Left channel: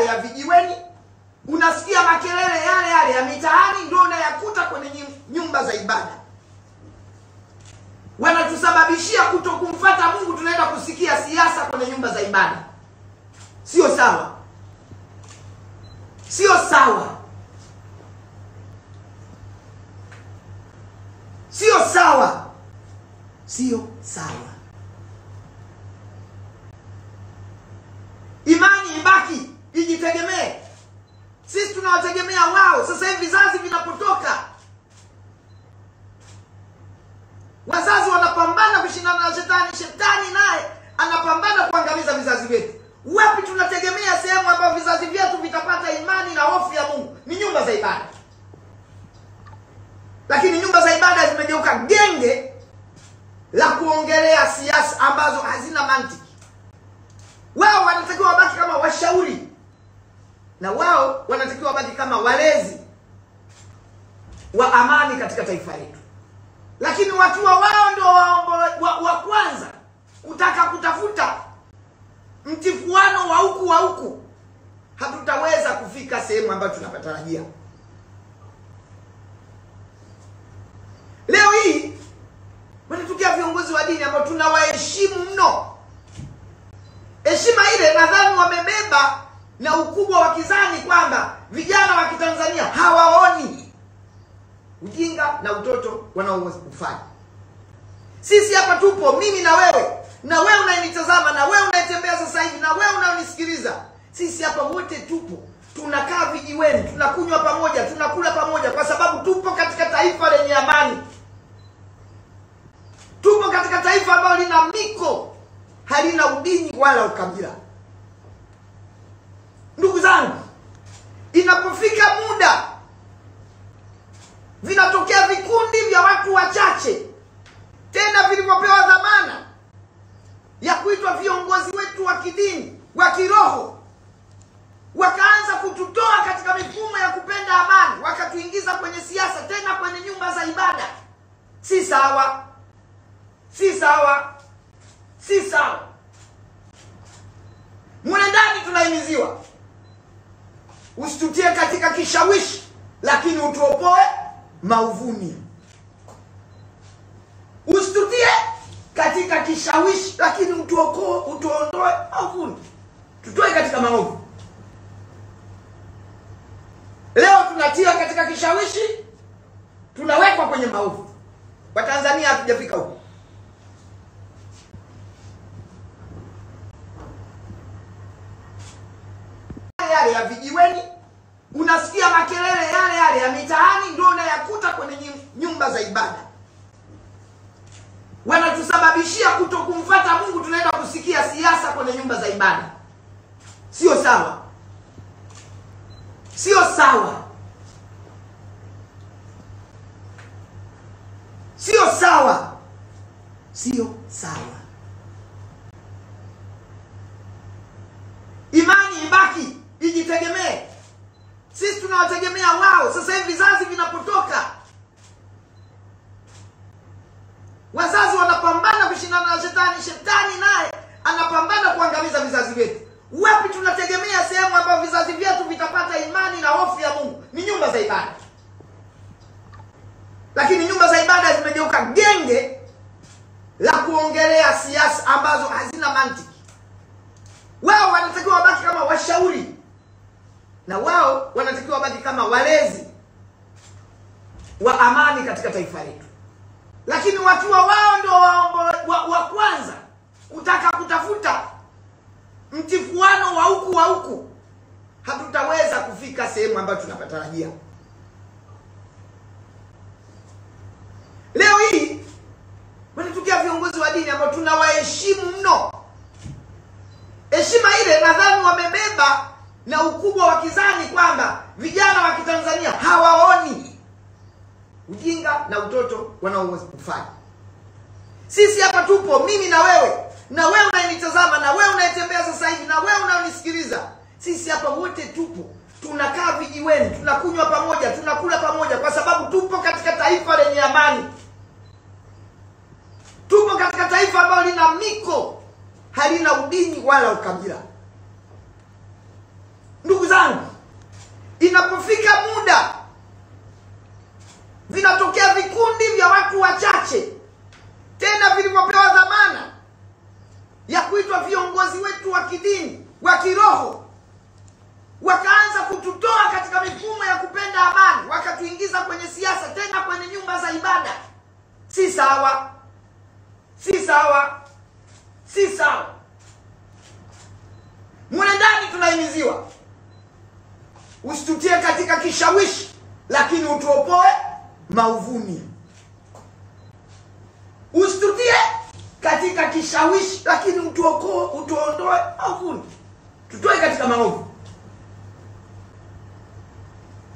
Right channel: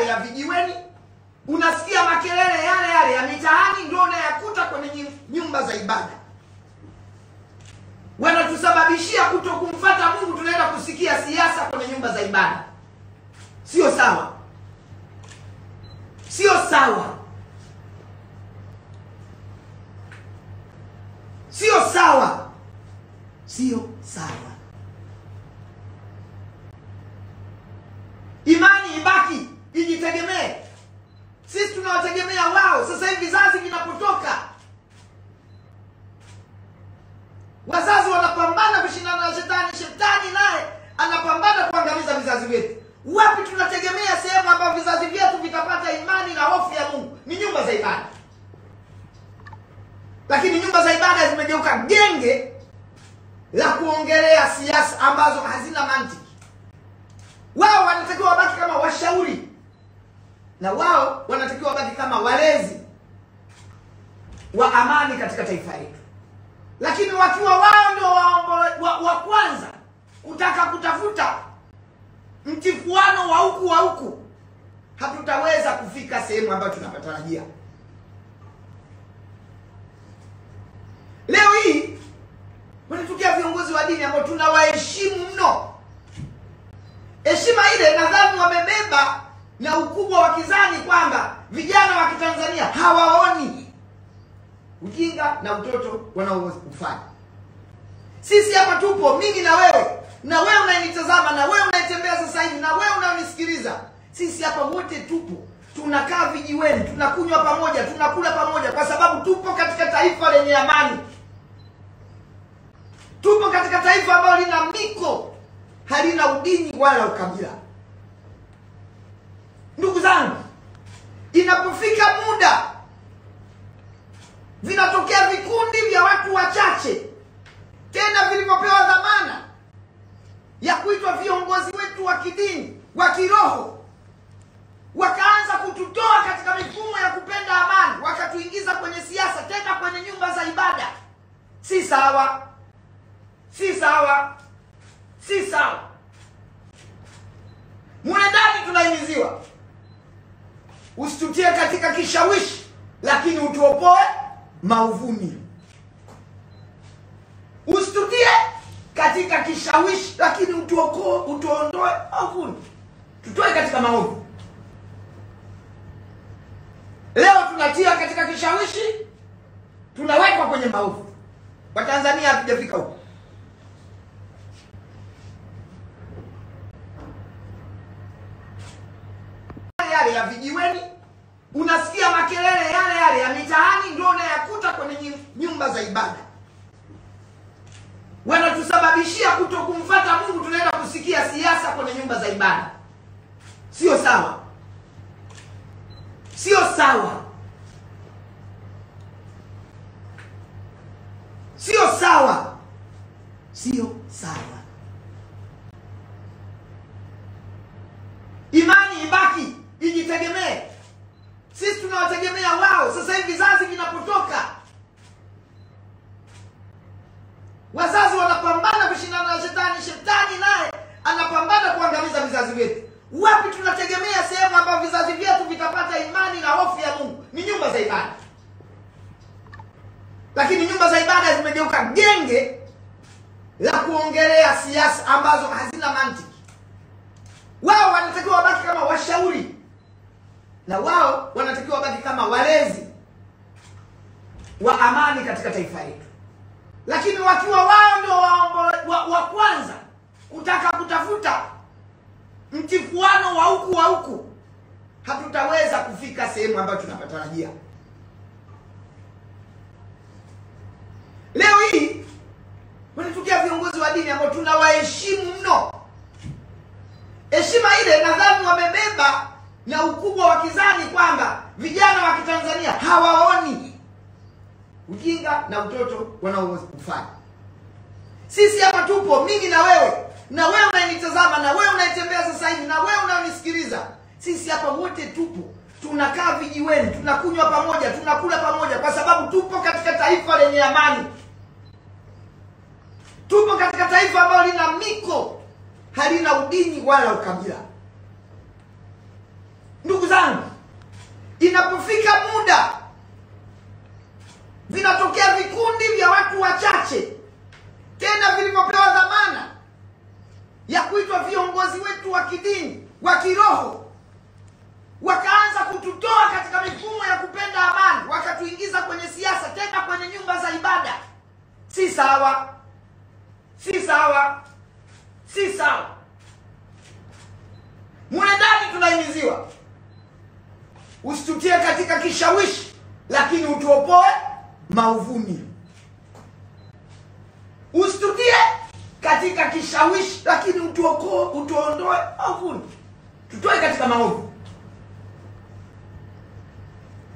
yale ya vijiweni, unasikia makelele yale ya mitaani, ndio unayakuta kwenye nyumba za ibada. Wanatusababishia kutokumfuata Mungu, tunaenda kusikia siasa kwenye nyumba za ibada. Sio sawa. Sio sawa. Sio sawa. Sio sawa. Imani ibaki, ijitegemee. Sisi tunawategemea wao. Sasa hivi vizazi vinapotoka, wazazi wanapambana kushindana na shetani, shetani naye anapambana kuangamiza vizazi vyetu. Wapi tunategemea sehemu ambayo vizazi vyetu vitapata imani na hofu ya Mungu? Ni nyumba za ibada. Lakini nyumba za ibada zimegeuka genge la kuongelea siasa ambazo hazina mantiki. Wao wanatakiwa wabaki kama washauri, na wao wanatakiwa wabaki kama walezi wa amani katika taifa letu. Lakini wakiwa wao ndio wa kwanza kutaka kutafuta mtifuano wa huku, hatutaweza kufika sehemu ambayo tunapatarajia. Leo hii wanatukia viongozi wa dini ambao tunawaheshimu mno. Heshima ile nadhani wamebeba na ukubwa wa kizani kwamba vijana wa Kitanzania hawaoni ujinga na utoto wanaofanya. Sisi hapa tupo, mimi na wewe unayenitazama, na wewe unayetembea sasa hivi, na wewe unayonisikiliza. Sisi hapa wote tupo, tunakaa vijiweni, tunakunywa pamoja, tunakula pamoja, kwa sababu tupo katika taifa lenye amani. Tupo katika taifa ambalo lina miko, halina udini wala ukabila. Ndugu zangu, inapofika muda vinatokea vikundi vya watu wachache, tena vilivyopewa dhamana ya kuitwa viongozi wetu wa kidini, wa kiroho, wakaanza kututoa katika mifumo ya kupenda amani, wakatuingiza kwenye siasa, tena kwenye nyumba za ibada. Si sawa. Si sawa. Si sawa. Mune ndani tunahimiziwa, usitutie katika kishawishi, lakini utuopoe mauvuni. Usitutie katika kishawishi, lakini utuondoe mauvuni. Tutoe katika maovu. Leo tunatia katika kishawishi, tunawekwa kwenye maovu. Watanzania hatujafika huko. Yale ya vijiweni, unasikia makelele yale ya mitaani, ndio unayakuta kwenye nyumba za ibada. Wanatusababishia kutokumfuata Mungu, tunaenda kusikia siasa kwenye nyumba za ibada. Sio sawa. Sio sawa. Sio sawa. Sio sawa. Imani ibaki, ijitegemee. Sisi tunawategemea wao. Sasa hivi vizazi vinapotoka, wazazi wanapambana kushindana na shetani, shetani naye anapambana kuangamiza vizazi vyetu. Wapi tunategemea sehemu ambayo vizazi vyetu vitapata imani na hofu ya Mungu? Ni nyumba za ibada. Lakini nyumba za ibada zimegeuka genge la kuongelea siasa ambazo hazina mantiki. Wao wanatakiwa wabaki kama washauri, na wao wanatakiwa wabaki kama walezi wa amani katika taifa letu. Lakini wakiwa wao ndio wa kwanza kutaka kutafuta mtifuano wa huku, hatutaweza kufika sehemu ambayo tunapatarajia. Leo hii wanatukia viongozi wa dini ambao tunawaheshimu mno. Heshima ile nadhani wamebeba na ukubwa wa kizani kwamba vijana wa Kitanzania hawaoni ujinga na utoto wanaofanya. Sisi hapa tupo, mimi na wewe unayenitazama, na wewe unayetembea sasa hivi, na wewe unayonisikiliza. Sisi hapa wote tupo, tunakaa vijiweni, tunakunywa pamoja, tunakula pamoja, kwa sababu tupo katika taifa lenye amani. Tupo katika taifa ambalo lina miko, halina udini wala ukabila. Ndugu sawa, si sawa, si sawa. Mule ndani tunahimiziwa usitutie katika kishawishi, lakini utuopoe maovuni. Usitutie katika kishawishi, lakini utuondoe maovuni. Tutoe katika maovu.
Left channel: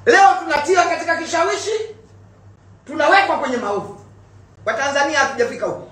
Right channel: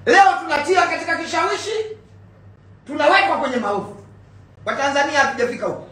Leo tunatia katika kishawishi, tunawekwa kwenye maovu. Watanzania hatujafika huko.